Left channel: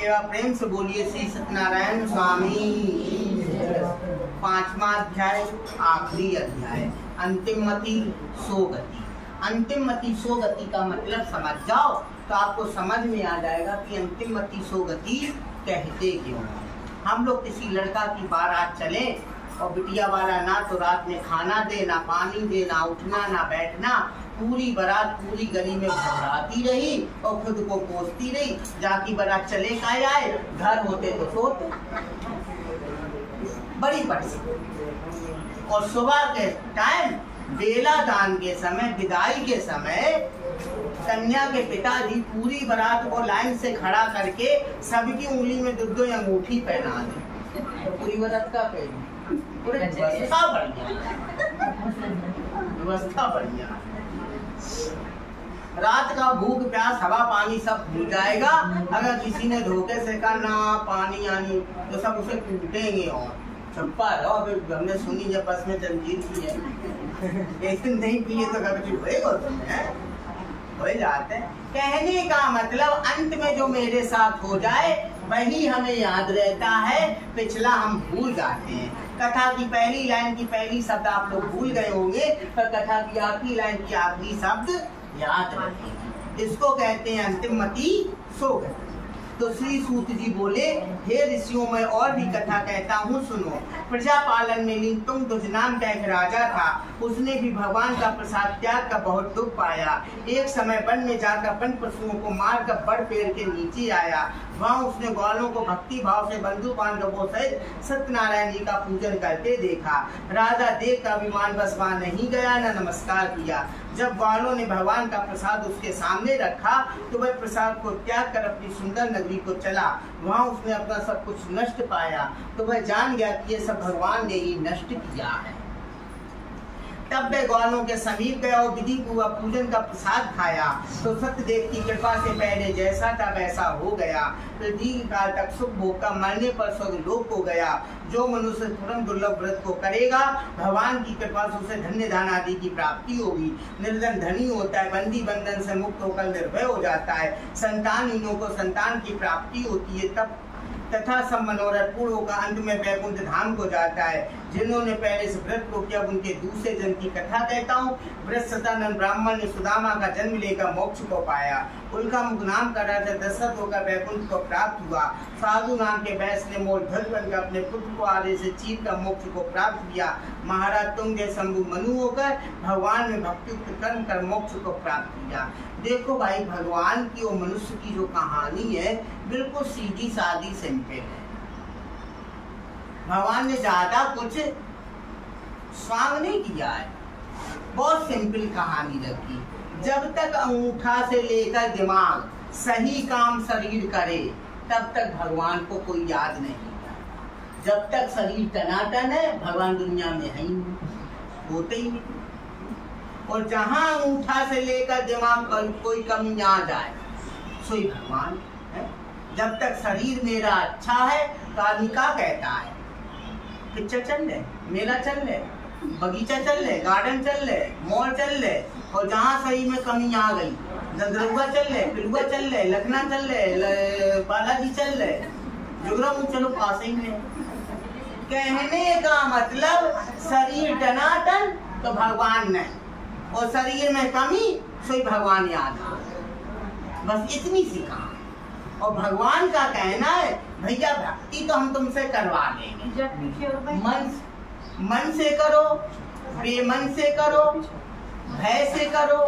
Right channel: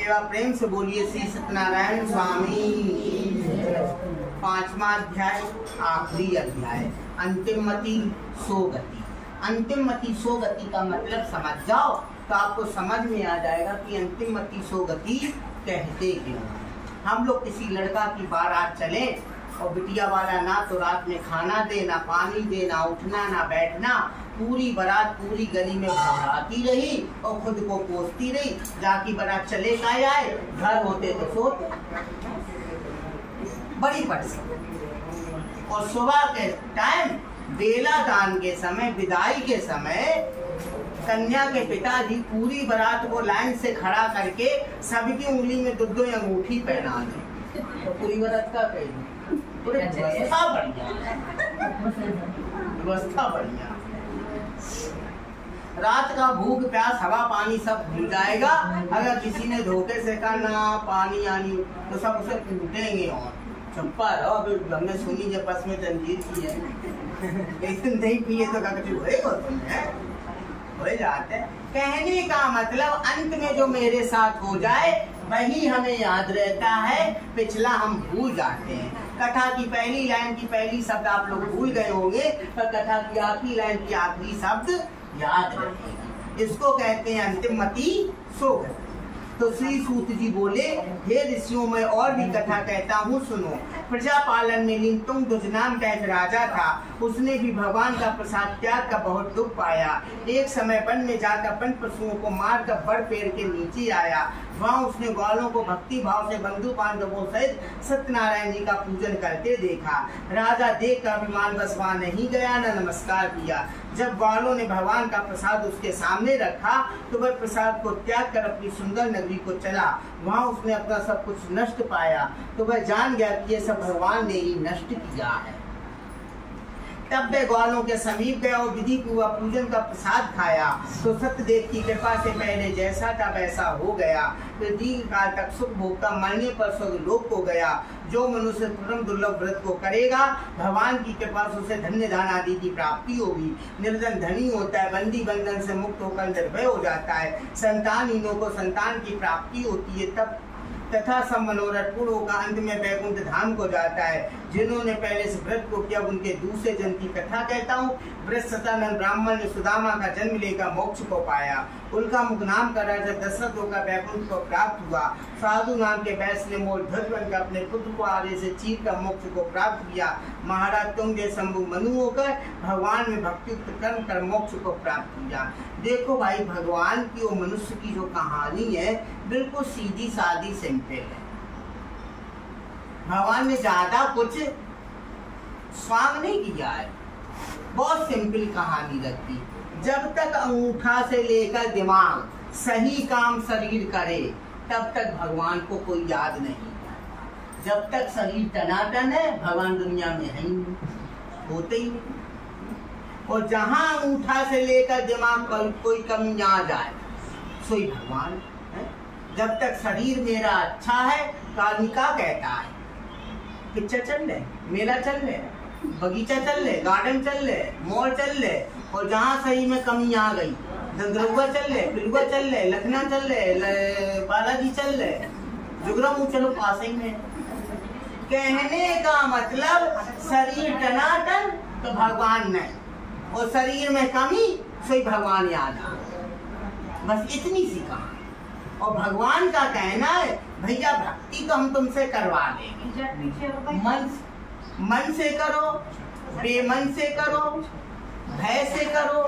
एवं प्रेम से बोलिए श्री सत्यनारायण स्वामी। 5वां अध्याय, आखिरी अध्याय, अंतिम मति सो गति। अंतिम मति सो गति का मतलब समझ जाओ तो आपको समझ में आ जाएगा कि अंतिम मति सो गति कहते क्यों। हम लोग किसी लड़का की बारात चले और बिटिया वाला ना तो रात में खाना दे, ना पानी दे, ना उठना ना बैठना, पूरी बारात पूरी गली में घबराती रही और खुद को कोसती रही। जाकी बारात चले का आए, घर होते तो सोते बड़ी पटसी। और सुबह के टाइम बेला दान के समय, विदाई के समय, कन्या के पिताजी पूरी बारात को लाइन से खड़ा करके सबकी उंगली में दो अंगूठी पहना दे। तो पूरी बारात का कहेगी व्यवस्था बढ़िया, व्यवस्था बढ़िया। रात का भूख प्यास हवा पानी सब भूल जाएगा। अगर किसी ने धोखे से कहा ना पानी आनी तो सब उसे कूटेंगे और चंपा रहो। अभी हमने सुनी जब बस में जंजीर की है, एक दिन नहीं पिए तो होएगा तुमने हो जाते। कहने का मतलब अंत में जो मेरे साथ हो जाए वही हमें याद रहता है, पिछला हम भूल जाते हैं। कथा की पहली लाइन की पहली शब्द आप लोग भूल गए होंगे, पर कथा की आखिरी लाइन की आखिरी शब्द याद रखेंगे। इसको कहते हैं अंतिम मति सो गति। तो श्री सूत जी बोले, हे ऋषियों में और भी कथा कहता हूँ सुनो। प्रजापालन में लिंगतुंग दुज नाम का एक राजा था। उसने भी भगवान का प्रसाद त्याग का बहुत दुख पाया। एक समय वन में जाकर वन पशुओं को मार कर बड़ पेड़ के नीचे आया। वहाँ उसने ग्वालों को भक्ति भाव से बंधु बांधवों सहित सत्यनारायण जी का पूजन करते देखा। राजा देख कर अभिमान बस वहाँ नहीं गया, न नमस्कार किया। जब ग्वालों ने भगवान का प्रसाद उसके सामने रखा तो वह प्रसाद को त्याग कर अपनी सुंदर नगरी को चला। वहाँ उसने अपना सब कुछ नष्ट पाया तो वह जान गया कि ये सब भगवान ने ही नष्ट किया है। तब वे ग्वालों के समीप गया और विधि पूर्वक पूजन का प्रसाद खाया तो सत्यदेव की कृपा से पहले जैसा था वैसा हो गया। फिर दीर्घ काल तक सुख भोग का, मरने पर स्वर्ग लोक को गया। जो मनुष्य परम दुर्लभ व्रत को करेगा भगवान की कृपा से उसे धन्य दान आदि की प्राप्ति होगी। निर्धन धनी होता है, बंदी बंधन से मुक्त होकर निर्भय हो जाता है। संतानहीनों को संतान की प्राप्ति होती है। तब तथा सब मनोरथ पूर्ण होकर अंत में वैकुंठ धाम को जाता है। जिन्होंने पहले से व्रत को किया उनके दूसरे जन्म की कथा कहता हूँ। व्रत सतानंद ब्राह्मण ने सुदामा का जन्म लेकर मोक्ष को पाया। उनका मुख नाम का राजा दशरथ होकर वैकुंठ को प्राप्त हुआ। साधु नाम के वैश्य ने मोल ध्वज बनकर अपने पुत्र को आरे से चीर कर मोक्ष को प्राप्त किया। महाराज तुंग शंभु मनु होकर भगवान में भक्तियुक्त कर्म कर मोक्ष को प्राप्त किया। देखो भाई, भगवान की और मनुष्य की जो कहानी है बिल्कुल सीधी सादी सिंपल है। भगवान ने ज्यादा कुछ स्वांग नहीं किया है, बहुत सिंपल कहानी रखी। जब तक अंगूठा से लेकर दिमाग सही काम शरीर करे तब तक भगवान को कोई याद नहीं। जब तक शरीर टनाटन है भगवान दुनिया में है ही नहीं, होते ही नहीं। और जहां अंगूठा से लेकर दिमाग पर कोई कमी आ जाए सोई भगवान है। जब तक शरीर मेरा अच्छा है तो आदमी क्या कहता है, पिक्चर चल ले, मेला चल ले, बगीचा चल ले, गार्डन चल ले, मॉल चल ले। और जहाँ सही में कमी आ गई, दंदरुआ चल ले, पिलुआ चल ले, लखना चल ले, बालाजी चल ले, जुगरा मुँह चलो पास ही में। कहने का मतलब शरीर टनाटन तो भगवान नहीं, और शरीर में कमी सोई भगवान याद आ। बस इतनी सी कहानी। और भगवान का कहना है भैया भक्ति तो हम तुमसे करवा लेंगे। मन से करो, बेमन से करो, भय से करो,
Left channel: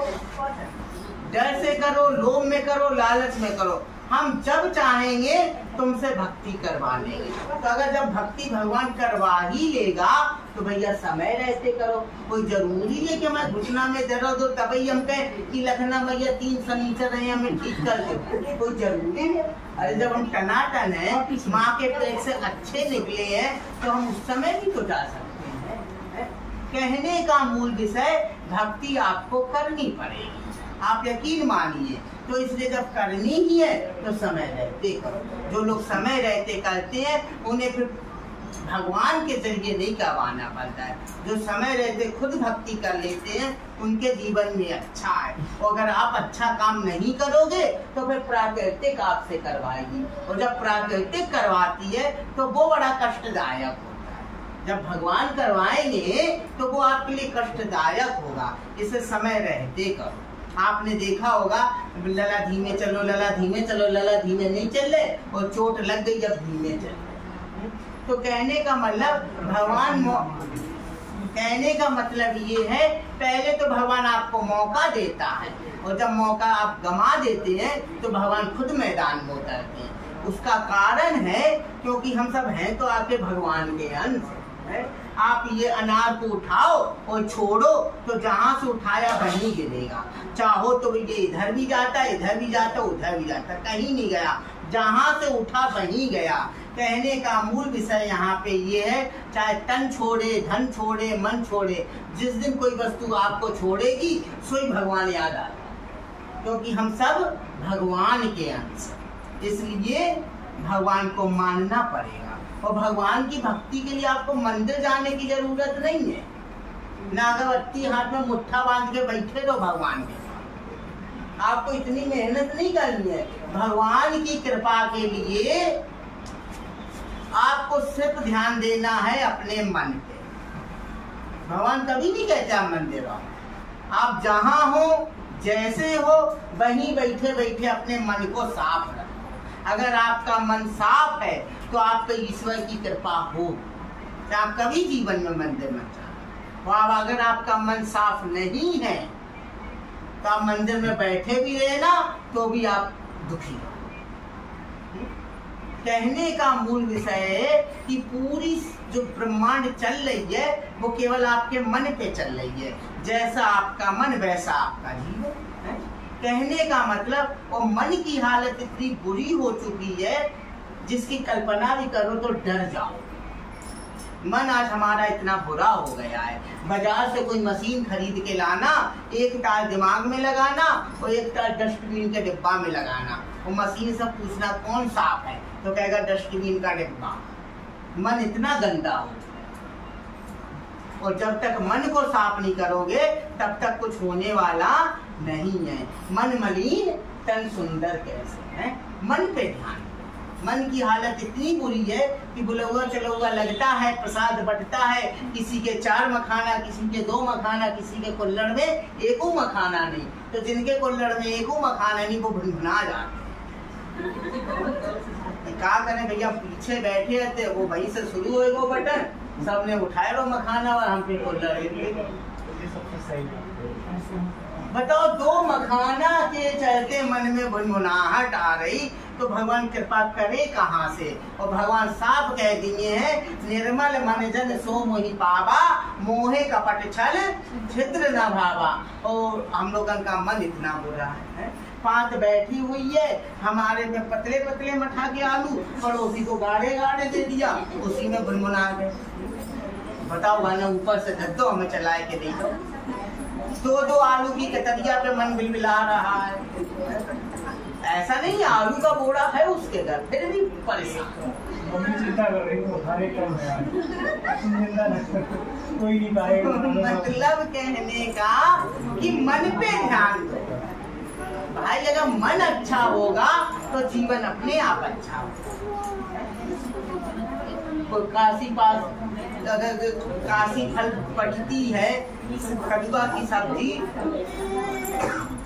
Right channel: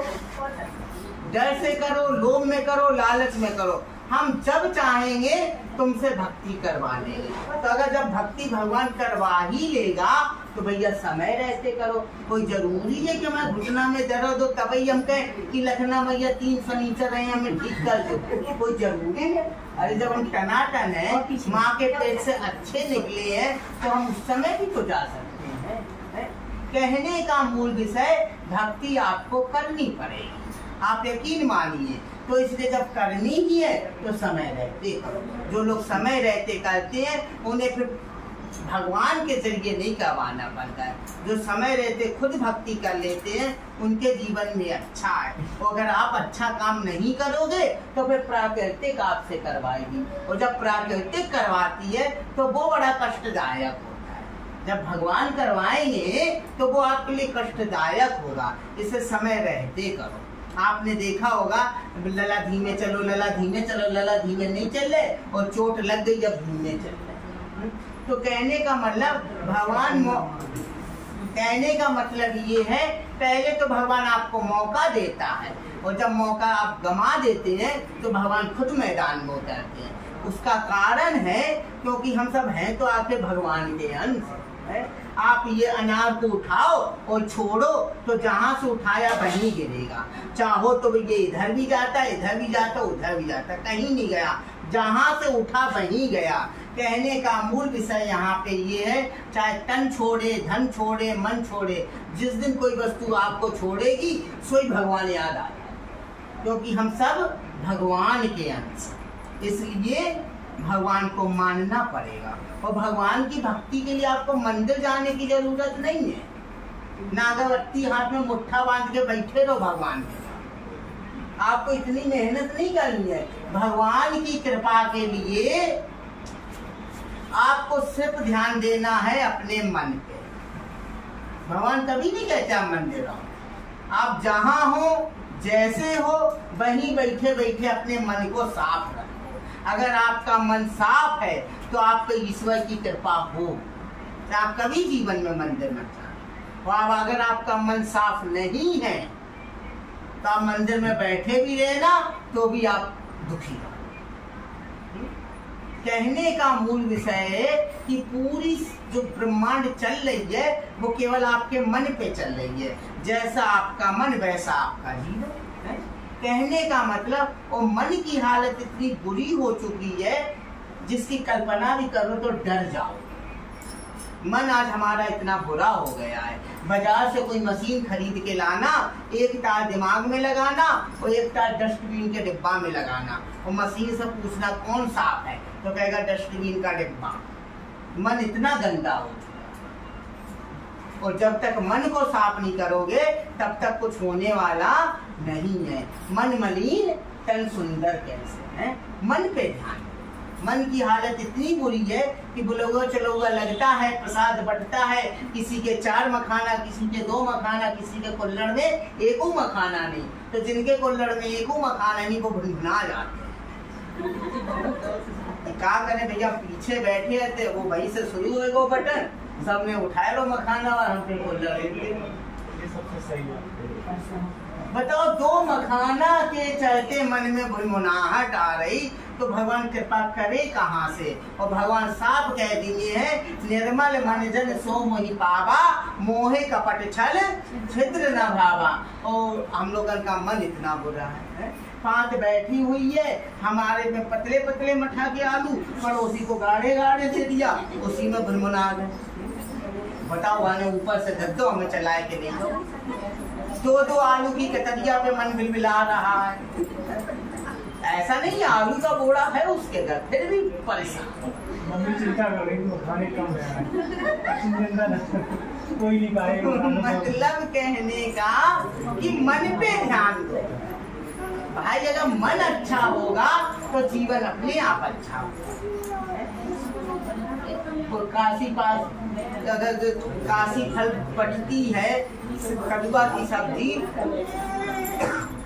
डर से करो, लोभ में करो, लालच में करो। हम जब चाहेंगे तुमसे भक्ति करवा लेंगे। तो अगर जब भक्ति भगवान करवा ही लेगा तो भैया समय रहते करो। कोई जरूरी है कि मैं घुटना में दर्द हो तभी हम कहें कि लखना भैया 3 शनिचर रहे हमें ठीक कर दो, कोई जरूरी है? अरे जब हम टनाटन है, माँ के पेट से अच्छे निकले हैं तो हम उस समय भी तो जा सकते हैं। कहने का मूल विषय भक्ति आपको करनी पड़ेगी, आप यकीन मानिए। तो इसलिए जब करनी ही है तो समय रहते करो। जो लोग समय रहते करते हैं उन्हें फिर भगवान के जरिए नहीं करवाना पड़ता है। जो समय रहते खुद भक्ति कर लेते हैं उनके जीवन में अच्छा है। और अगर आप अच्छा काम नहीं करोगे तो फिर प्राकृतिक आपसे करवाएगी, और जब प्राकृतिक करवाती है तो वो बड़ा कष्टदायक होता है। जब भगवान करवाएंगे तो वो आपके लिए कष्टदायक होगा। इसे समय रहते करो। आपने देखा होगा लला धीमे चलो, लला धीमे चलो, लला धीमे नहीं चल रहे और चोट लग गई जब धीमे चल रहे। तो कहने का मतलब ये है, पहले तो भगवान आपको मौका देता है और जब मौका आप गंवा देते हैं तो भगवान खुद मैदान में उतरते हैं। उसका कारण है क्योंकि हम सब हैं तो आपके भगवान के अंश है। आप ये अनार को उठाओ और छोड़ो तो जहां से उठाया वहीं गिरेगा। चाहो तो ये इधर भी जाता, इधर भी जाता, उधर भी जाता, कहीं नहीं गया, जहां से उठा वहीं गया। कहने का मूल विषय यहाँ पे ये है, चाहे तन छोड़े, धन छोड़े, मन छोड़े, जिस दिन कोई वस्तु आपको छोड़ेगी सोई भगवान याद आ जाए, क्योंकि हम सब भगवान के अंश, इसलिए भगवान को मानना पड़ेगा। और भगवान की भक्ति के लिए आपको मंदिर जाने की जरूरत नहीं है, ना अगरबत्ती हाथ में मुट्ठा बांध के बैठे रहो भगवान के साथ। आपको इतनी मेहनत नहीं करनी है। भगवान की कृपा के लिए आपको सिर्फ ध्यान देना है अपने मन पे। भगवान कभी नहीं कहते आप मंदिर आओ, आप जहां हो, जैसे हो, वहीं बैठे बैठे अपने मन को साफ रखो। अगर आपका मन साफ है तो आप पे ईश्वर की कृपा हो, तो आप कभी जीवन में मंदिर मत जाना। और अगर आपका मन साफ नहीं है तो आप मंदिर में बैठे भी रहना तो भी आप दुखी हो। कहने का मूल विषय है कि पूरी जो ब्रह्मांड चल रही है वो केवल आपके मन पे चल रही है। जैसा आपका मन वैसा आपका जीवन है। कहने का मतलब वो मन की हालत इतनी बुरी हो चुकी है जिसकी कल्पना भी करो तो डर जाओ। मन आज हमारा इतना बुरा हो गया है, बाजार से कोई मशीन खरीद के लाना, एक तार दिमाग में लगाना और एक तार डस्टबिन के डिब्बा में लगाना, और मशीन से पूछना कौन साफ है तो कहेगा डस्टबिन का डिब्बा। मन इतना गंदा हो, और जब तक मन को साफ नहीं करोगे तब तक कुछ होने वाला नहीं है। मन मलिन तन सुंदर कैसे है। मन पे ध्यान। मन की हालत इतनी बुरी है कि बुलौगा चलौगा लगता है, प्रसाद बंटता है, किसी के 4 मखाना, किसी के 2 मखाना, किसी के कुल्हड़ में 1 मखाना नहीं, तो जिनके कुल्हड़ में 1 मखाना नहीं वो भुनभुना जाते हैं। क्या करें भैया, पीछे बैठे रहते, वो वहीं से शुरू हो वो बटन, सबने उठाए लो मखाना और हम पे कुल्हड़। बताओ, 2 मखाना के चलते मन में भुनभुनाहट आ रही तो भगवान कृपा करे कहाँ से। और भगवान साफ कह दिए हैं, निर्मल मन जन सो मोहि पावा, मोहे कपट छल छिद्र न भावा। और हम लोगन का मन इतना बुरा है। पात बैठी हुई है, हमारे में पतले पतले मठा के आलू, पड़ोसी को गाढ़े गाढ़े दे दिया, उसी में भुनभुना गए। बताओ, गाने ऊपर से दो हमें चलाए के नहीं दो। 2 आलू की कतरिया पे मन बिलबिला रहा है। ऐसा नहीं, आलू का बोरा है उसके घर, फिर भी परेशान। मम्मी चिंता कर रही है, खाने कम है, कोई नहीं पाएगा। मतलब कहने का कि मन पे ध्यान दो भाई। अगर मन अच्छा होगा तो जीवन अपने आप अच्छा होगा। काशी पास अगर काशी फल पटती है, कदुआ की सब्जी,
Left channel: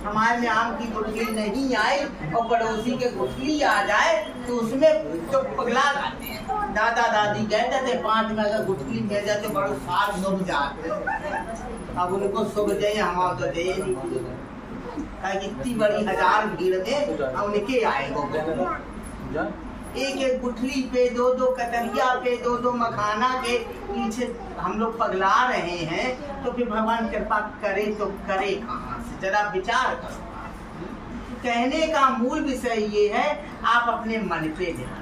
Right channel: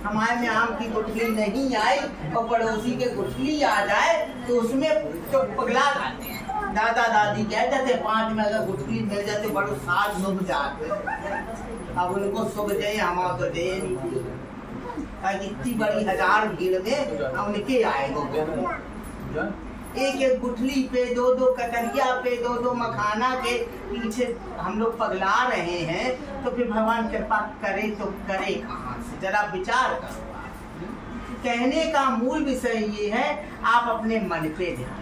हमारे में आम की गुठली नहीं आई और पड़ोसी के गुठली आ जाए तो उसमें तो पगला जाते हैं। दादा दादी कहते थे 5 में अगर गुठली मिल जाते बड़ो साथ डूब जाते। अब उनको शुभ जय हम तो दे नहीं, इतनी बड़ी 1000 भीड़ में उनके आएगा। एक गुठली पे 2 कतरिया पे 2 मखाना के पीछे हम लोग पगला रहे हैं, तो फिर भगवान कृपा करे तो करे कहाँ से, जरा विचार करो। कहने का मूल विषय ये है, आप अपने मन पे ध्यान।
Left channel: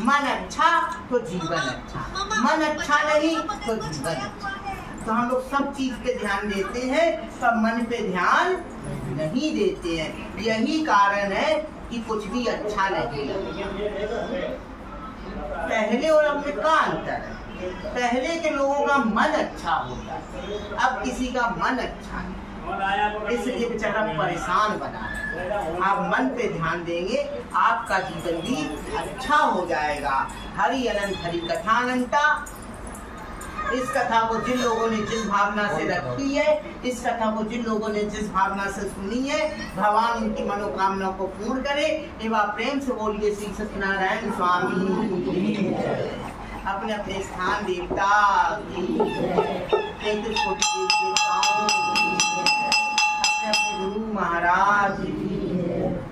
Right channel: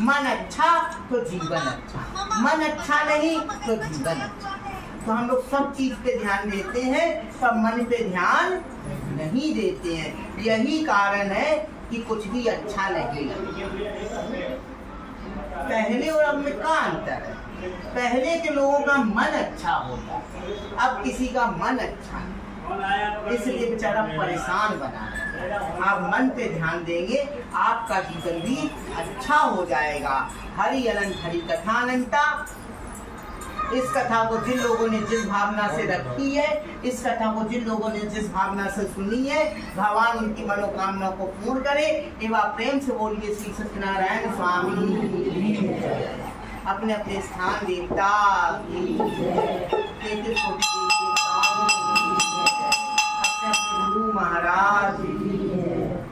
मन अच्छा तो जीवन अच्छा, मन अच्छा नहीं तो जीवन अच्छा। तो हम लोग सब चीज पे ध्यान देते हैं, सब मन पे ध्यान नहीं देते हैं। यही कारण है कि कुछ भी अच्छा नहीं लगता। पहले और अब में क्या अंतर है? पहले के लोगों का मन अच्छा होता, अब किसी का मन अच्छा नहीं, इसलिए बेचारा परेशान बना है। आप मन पे ध्यान देंगे, आपका जीवन भी अच्छा हो जाएगा। हरि अनंत हरि कथानंता। इस कथा को जिन लोगों ने जिस भावना से रखी है, इस कथा को जिन लोगों ने जिस भावना से सुनी है, भगवान उनकी मनोकामना को पूर्ण करे। एवं प्रेम से बोलिए श्री सत्यनारायण स्वामी। अपने अपने स्थान देवता की, छोटी देवताओं, अपने अपने गुरु महाराज की।